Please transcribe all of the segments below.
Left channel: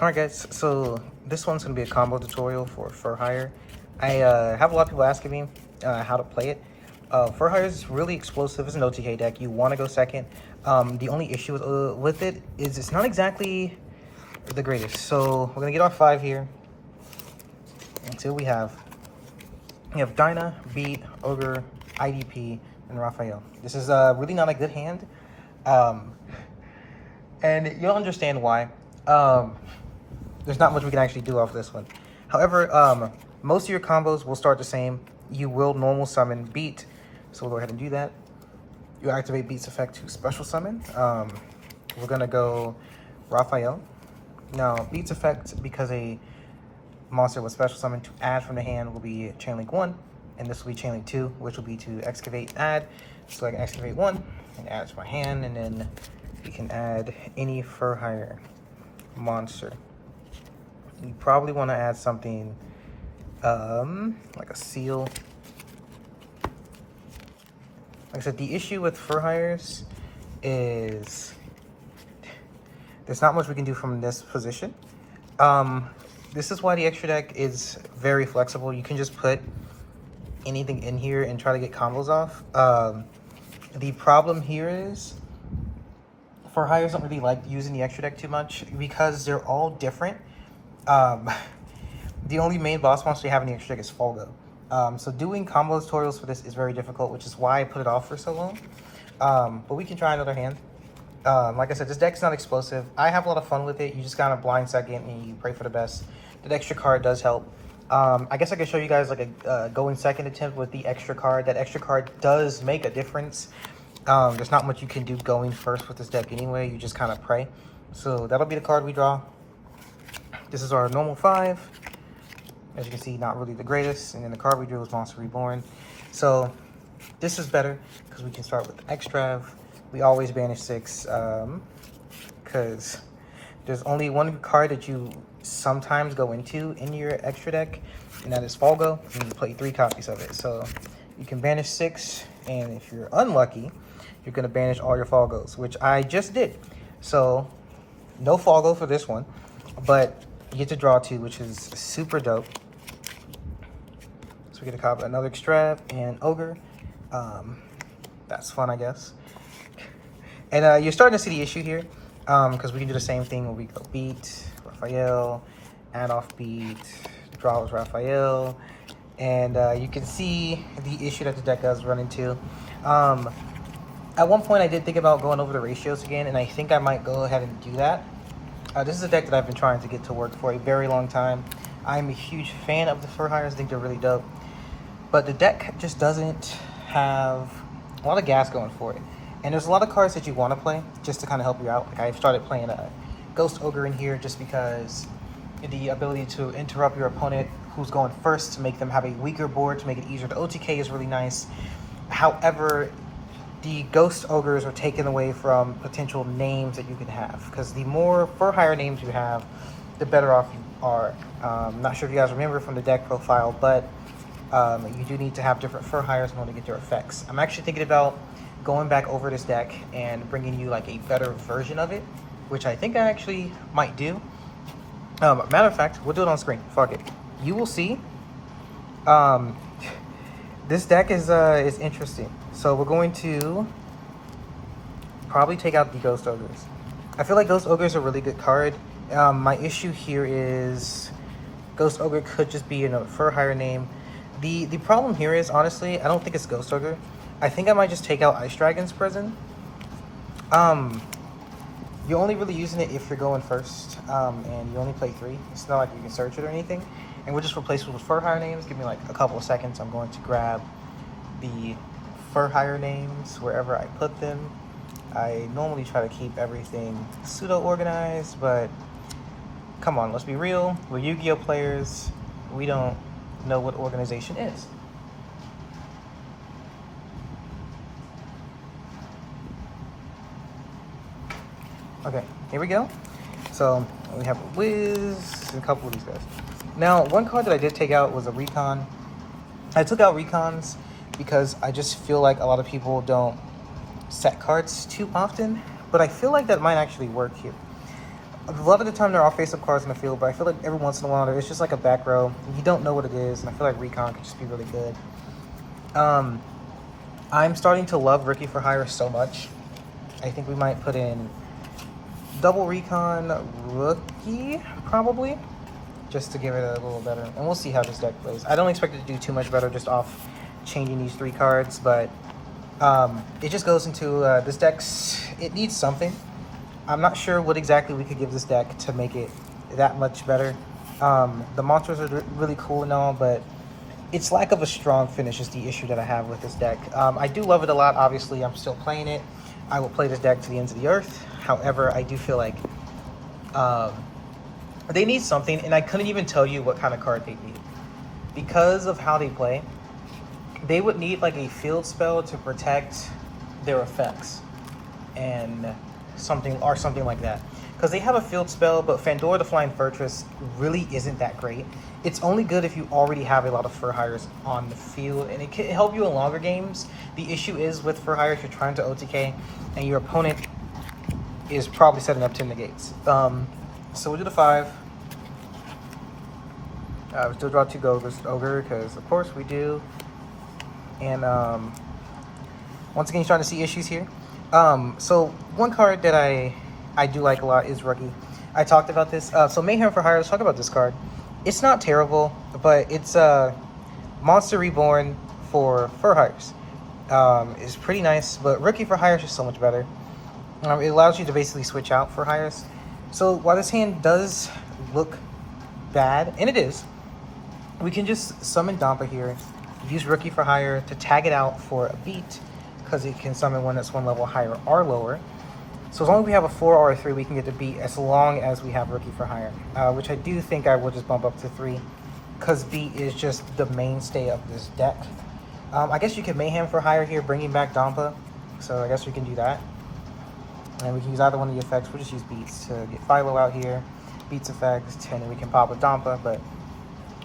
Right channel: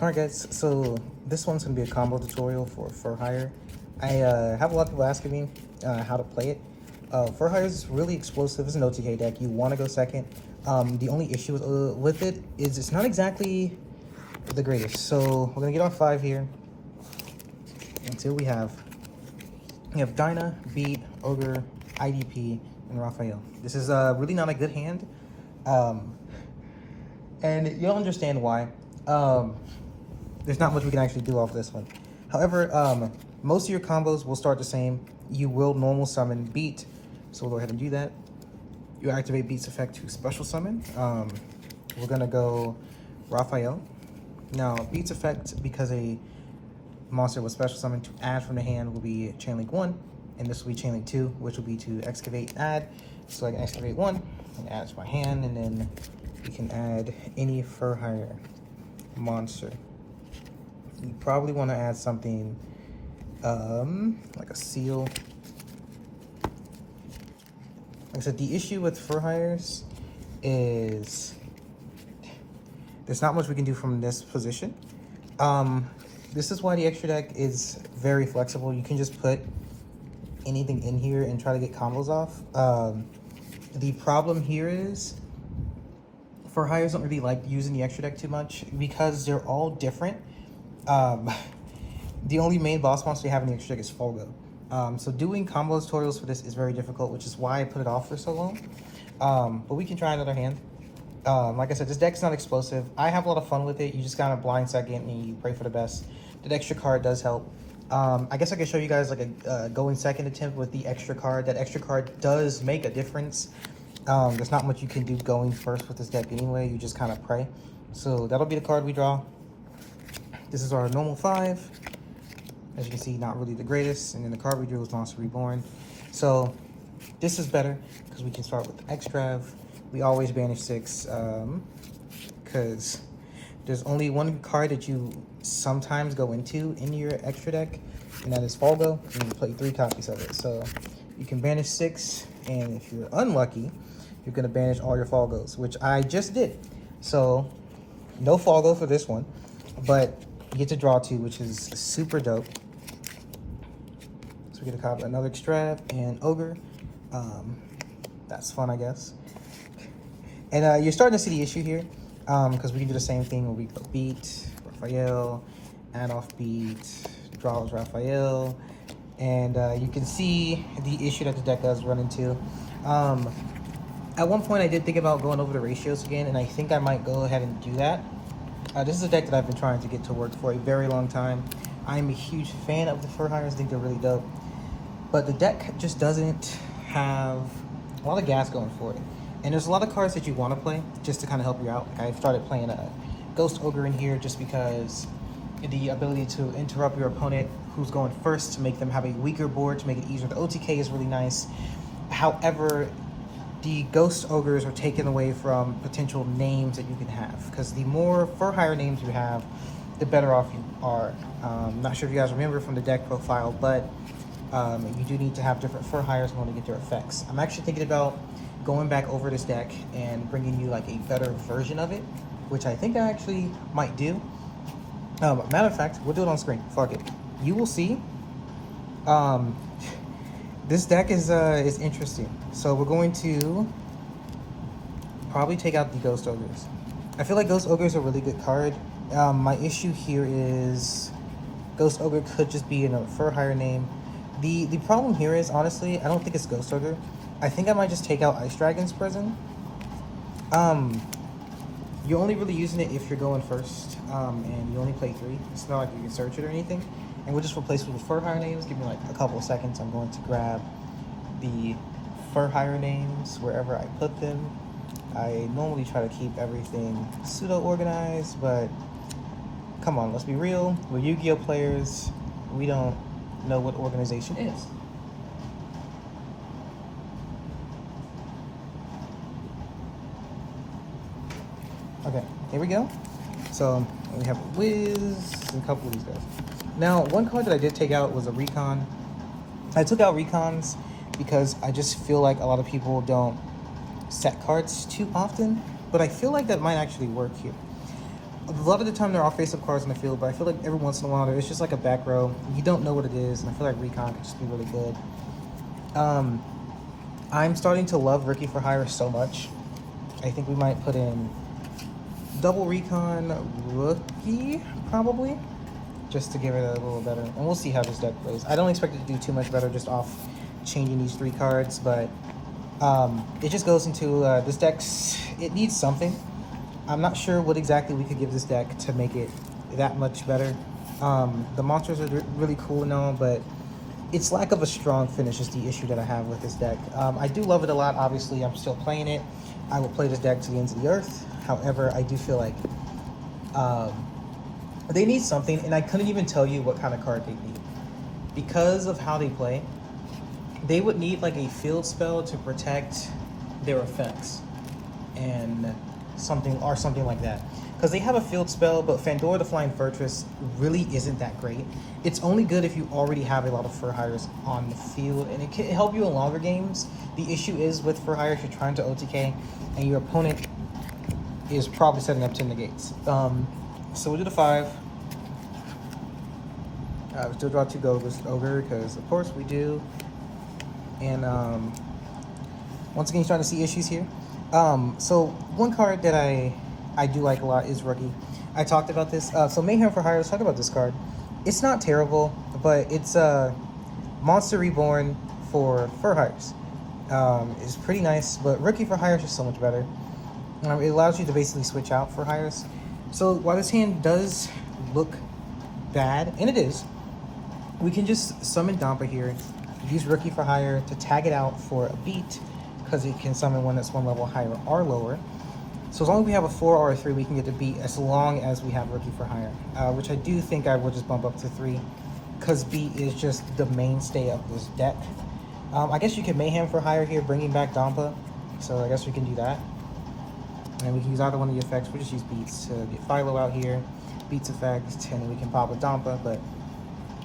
Alright guys, so this one's going to be a combo tutorial for Hire. I have a lot of people asking me how to play it. For Hire is really explosive. It's an OTK deck. You want to go second. The only issue with it is it's not exactly the greatest. So we're going to get our 5 here. Until we have Dyna, Beat, Ogre, IDP, and Raphael. This is really not a good hand. And you'll understand why. There's not much we can actually do off this one. However, most of your combos will start the same. You will normal summon Beat, so we'll go ahead and do that. You activate Beat's effect to special summon. We're gonna go Raphael. Now, Beat's effect, because a monster with special summon to add from the hand, will be Chain Link 1, and this will be Chain Link 2, which will be to excavate and add. So I can excavate 1 and add to my hand, and then we can add any For Hire monster. You probably want to add something like a seal. Like I said, the issue with For Hires is there's not much we can do from this position. This is why the extra deck is very flexible. You can just put anything in here and try to get combos off. The problem here is For Hires don't really like using the extra deck too much because they're all different. The only main boss monster you have in the extra deck is Folgo. So doing combo tutorials for this is very difficult, which is why I put it off for so long. But we can try another hand. Like I said, this deck's not explosive. I have a lot of fun with it. You just kind of blind second and you pray for the best. The extra card does help. I guess I could show you guys like a going second attempt with the extra card. That extra card does make a difference. There's not much you can do going first with this deck anyway. You just kind of pray. So that'll be the card we draw. This is our normal 5. As you can see, not really the greatest. And then the card we drew was Monster Reborn. So this is better because we can start with Extrav. We always banish 6 because there's only one card that you sometimes go into in your extra deck, and that is Folgo, and you play 3 copies of it. So you can banish 6, and if you're unlucky, you're going to banish all your Folgos, which I just did. So no Folgo for this one, but you get to draw 2, which is super dope. So we get to copy another Extrav and Ogre. That's fun, I guess. And you're starting to see the issue here, because we can do the same thing when we go Beat, Raphael, add off Beat, draw with Raphael, and you can see the issue that the deck does run into. At one point, I did think about going over the ratios again, and I think I might go ahead and do that. This is a deck that I've been trying to get to work for a very long time. I'm a huge fan of the For Hires. I think they're really dope. But the deck just doesn't have a lot of gas going for it. And there's a lot of cards that you want to play just to kind of help you out. Like I've started playing a Ghost Ogre in here just because the ability to interrupt your opponent who's going first to make them have a weaker board to make it easier to OTK is really nice. However, the Ghost Ogres are taken away from potential names that you can have, because the more For Hire names you have, the better off you are. Not sure if you guys remember from the deck profile, but you do need to have different For Hires in order to get their effects. I'm actually thinking about going back over this deck and bringing you like a better version of it, which I think I actually might do. Matter of fact, we'll do it on screen. Fuck it. You will see. This deck is interesting. So we're going to probably take out the Ghost Ogres. I feel like Ghost Ogres are a really good card. My issue here is Ghost Ogre could just be in a For Hire name. The problem here is, honestly, I don't think it's Ghost Ogre. I think I might just take out Ice Dragon's Prison. You're only really using it if you're going first, and you only play 3. It's not like you can search it or anything. And we'll just replace it with For Hire names. Give me like a couple of seconds. I'm going to grab the For Hire names wherever I put them. I normally try to keep everything pseudo-organized, but come on, let's be real. We're Yu-Gi-Oh players. We don't know what organization is. Okay, here we go. So we have a Wiz and a couple of these guys. Now, one card that I did take out was a Recon. I took out Recons because I just feel like a lot of people don't set cards too often, but I feel like that might actually work here. A lot of the time there are face-up cards in the field, but I feel like every once in a while there's just like a back row. You don't know what it is, and I feel like Recon could just be really good. I'm starting to love Rookie for Hire so much. I think we might put in double Recon Rookie, probably, just to give it a little better. And we'll see how this deck plays. I don't expect it to do too much better just off changing these 3 cards, but it just goes into this deck's, it needs something. I'm not sure what exactly we could give this deck to make it that much better. The monsters are really cool and all, but its lack of a strong finish is the issue that I have with this deck. I do love it a lot. Obviously, I'm still playing it. I will play this deck to the ends of the earth. However, I do feel like they need something, and I couldn't even tell you what kind of card they need. Because of how they play, they would need like a field spell to protect their effects and something like that. Because they have a field spell, but Fandora the Flying Fortress really isn't that great. It's only good if you already have a lot of Fur Hires on the field, and it can help you in longer games. The issue is with Fur Hires, you're trying to OTK, and your opponent is probably setting up 10 negates. So we do the 5. We still draw 2 Ogre, because of course we do. And once again, you're starting to see issues here. So one card that I do like a lot is Rookie. I talked about this. So Mayhem for Hire, let's talk about this card. It's not terrible, but it's Monster Reborn for Fur Hires. It's pretty nice, but Rookie for Hire is just so much better. It allows you to basically switch out for Hires. So while this hand does look bad, and it is, we can just summon Dampa here, use Rookie for Hire to tag it out for a beat, because it can summon one that's 1 level higher or lower. So as long as we have a 4 or a 3, we can get the beat as long as we have Rookie for Hire, which I do think I will just bump up to 3, because beat is just the mainstay of this deck. I guess you could Mayhem for Hire here, bringing back Dampa, so I guess we can do that. And we can use either one of the effects. We'll just use beats to get Philo out here, beats effects, and then we can pop with Dampa, but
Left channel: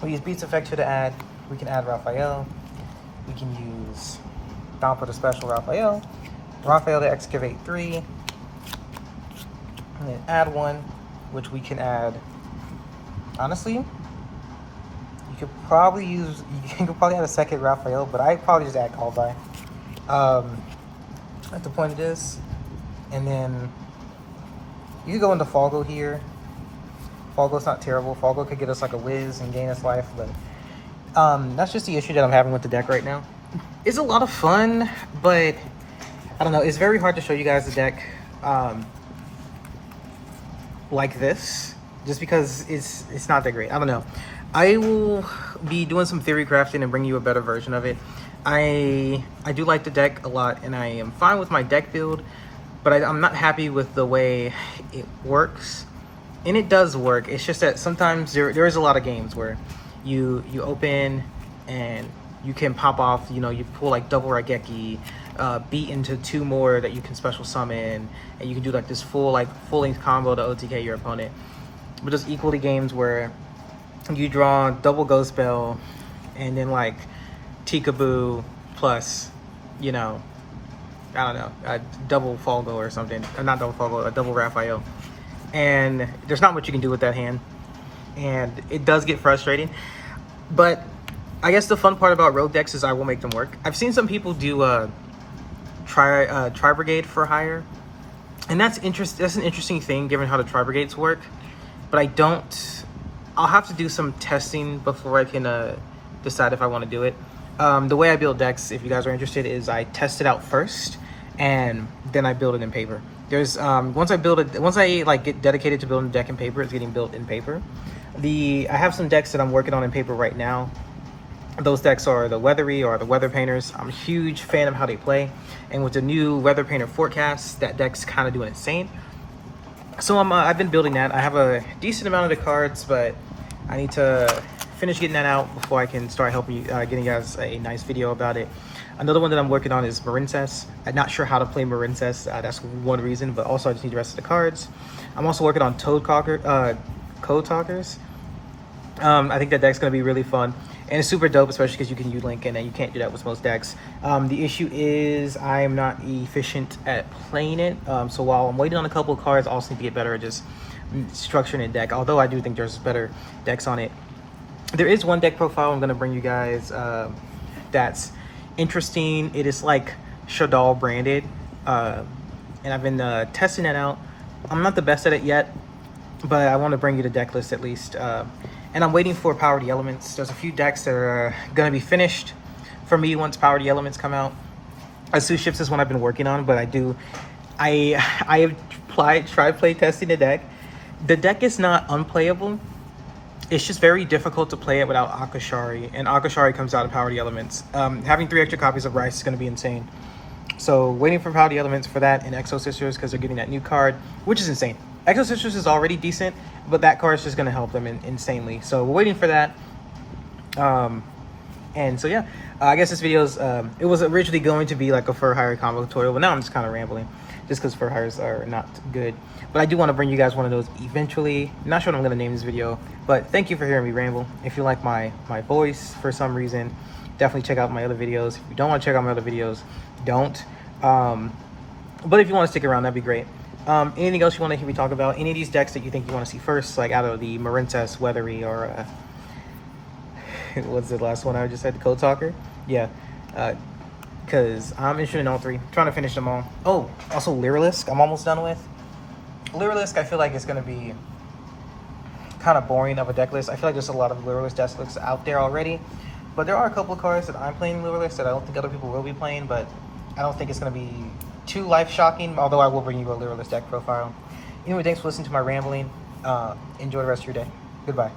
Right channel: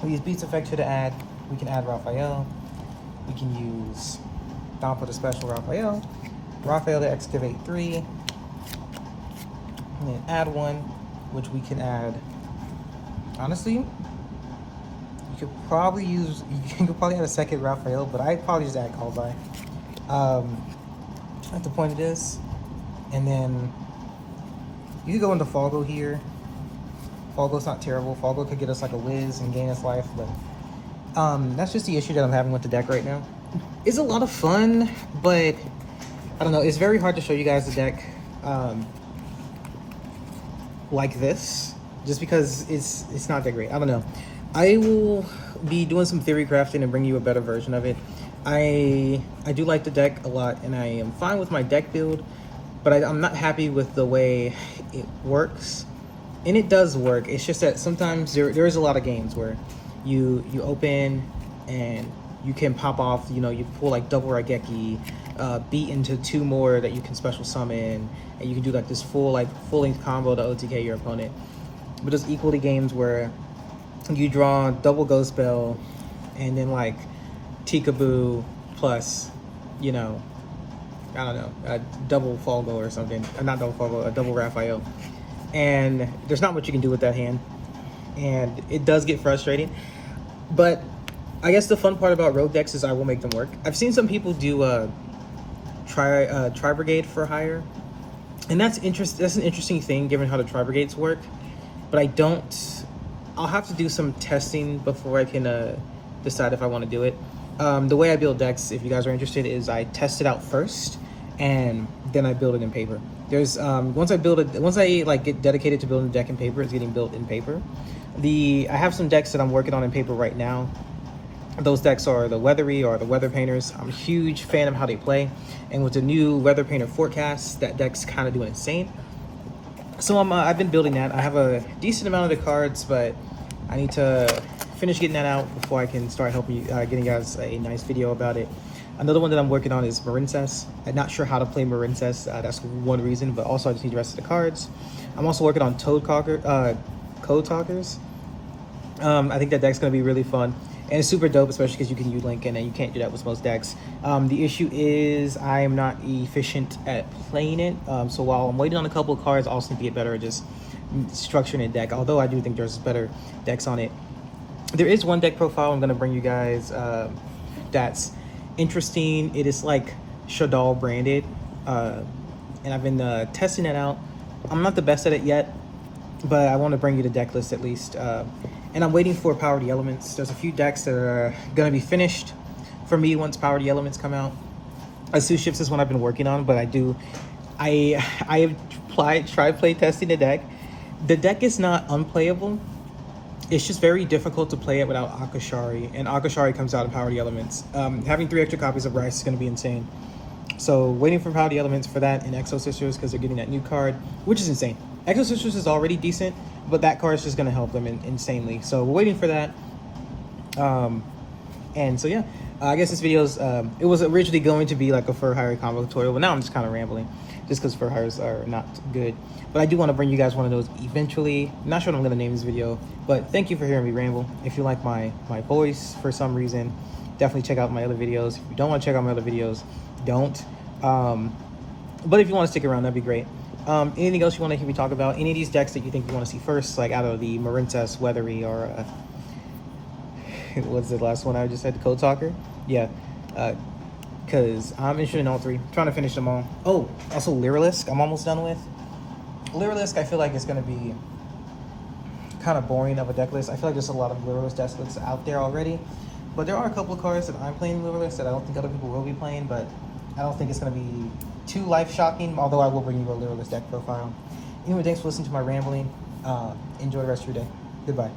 we use beats effect here to add. We can add Raphael. We can use Dampa to special Raphael. Raphael to excavate 3. And then add 1, which we can add. Honestly, you could probably add a second Raphael, but I'd probably just add Callby. At the point it is. And then you can go into Falgo here. Falgo's not terrible. Falgo could get us like a whiz and gain us life, but that's just the issue that I'm having with the deck right now. It's a lot of fun, but I don't know. It's very hard to show you guys the deck like this, just because it's not that great. I don't know. I will be doing some theory crafting and bring you a better version of it. I do like the deck a lot, and I am fine with my deck build, but I'm not happy with the way it works. And it does work. It's just that sometimes there is a lot of games where you open and you can pop off, you know, you pull like double Raigeki, beat into 2 more that you can special summon, and you can do like this full length combo to OTK your opponent. But there's equally games where you draw double Ghost Bell and then like Tikaboo plus, you know, I don't know, a double Falgo or something, or not double Falgo, a double Raphael. And there's not much you can do with that hand, and it does get frustrating. But I guess the fun part about rogue decks is I will make them work. I've seen some people do Tri Brigade for Hire, and that's an interesting thing given how the Tri Brigades work. But I'll have to do some testing before I can decide if I want to do it. The way I build decks, if you guys are interested, is I test it out first, and then I build it in paper. There's once I get dedicated to building a deck in paper, it's getting built in paper. I have some decks that I'm working on in paper right now. Those decks are the Weathery or the Weather Painters. I'm a huge fan of how they play, and with the new Weather Painter forecast, that deck's kind of doing insane. So I've been building that. I have a decent amount of the cards, but I need to finish getting that out before I can start helping getting you guys a nice video about it. Another one that I'm working on is Marincess. I'm not sure how to play Marincess. That's one reason, but also I just need the rest of the cards. I'm also working on Code Talkers. I think that deck's going to be really fun. And it's super dope, especially because you can U-Link, and you can't do that with most decks. The issue is I am not efficient at playing it. So while I'm waiting on a couple of cards, I also need to get better at just structuring a deck. Although I do think there's better decks on it. There is one deck profile I'm going to bring you guys that's interesting. It is like Shaddoll branded. And I've been testing it out. I'm not the best at it yet, but I want to bring you the deck list at least. And I'm waiting for Power the Elements. There's a few decks that are going to be finished for me once Power the Elements come out. Asu Ships is one I've been working on, but I have tried play testing the deck. The deck is not unplayable. It's just very difficult to play it without Akashari, and Akashari comes out in Power the Elements. Having 3 extra copies of Rice is going to be insane. So waiting for Power the Elements for that, and Exo Sisters because they're getting that new card, which is insane. Exo Sisters is already decent, but that card is just going to help them insanely. So we're waiting for that. And so yeah, I guess this video's, it was originally going to be like a fur hire combo tutorial, but now I'm just kind of rambling just because fur hires are not good. But I do want to bring you guys one of those eventually. Not sure what I'm going to name this video, but thank you for hearing me ramble. If you like my voice for some reason, definitely check out my other videos. If you don't want to check out my other videos, don't. But if you want to stick around, that'd be great. Anything else you want to hear me talk about? Any of these decks that you think you want to see first, like out of the Marincess, Weathery, or what's the last one I just said, the Code Talker? Yeah, because I'm interested in all 3. I'm trying to finish them all. Oh, also Lyrilusc, I'm almost done with. Lyrilusc, I feel like it's going to be kind of boring of a deck list. I feel like there's a lot of Lyrilusc deck lists out there already. But there are a couple of cards that I'm playing Lyrilusc that I don't think other people will be playing, but I don't think it's going to be too life-shocking, although I will bring you a Lyrilusc deck profile. Anyway, thanks for listening to my rambling. Enjoy the rest of your day. Goodbye.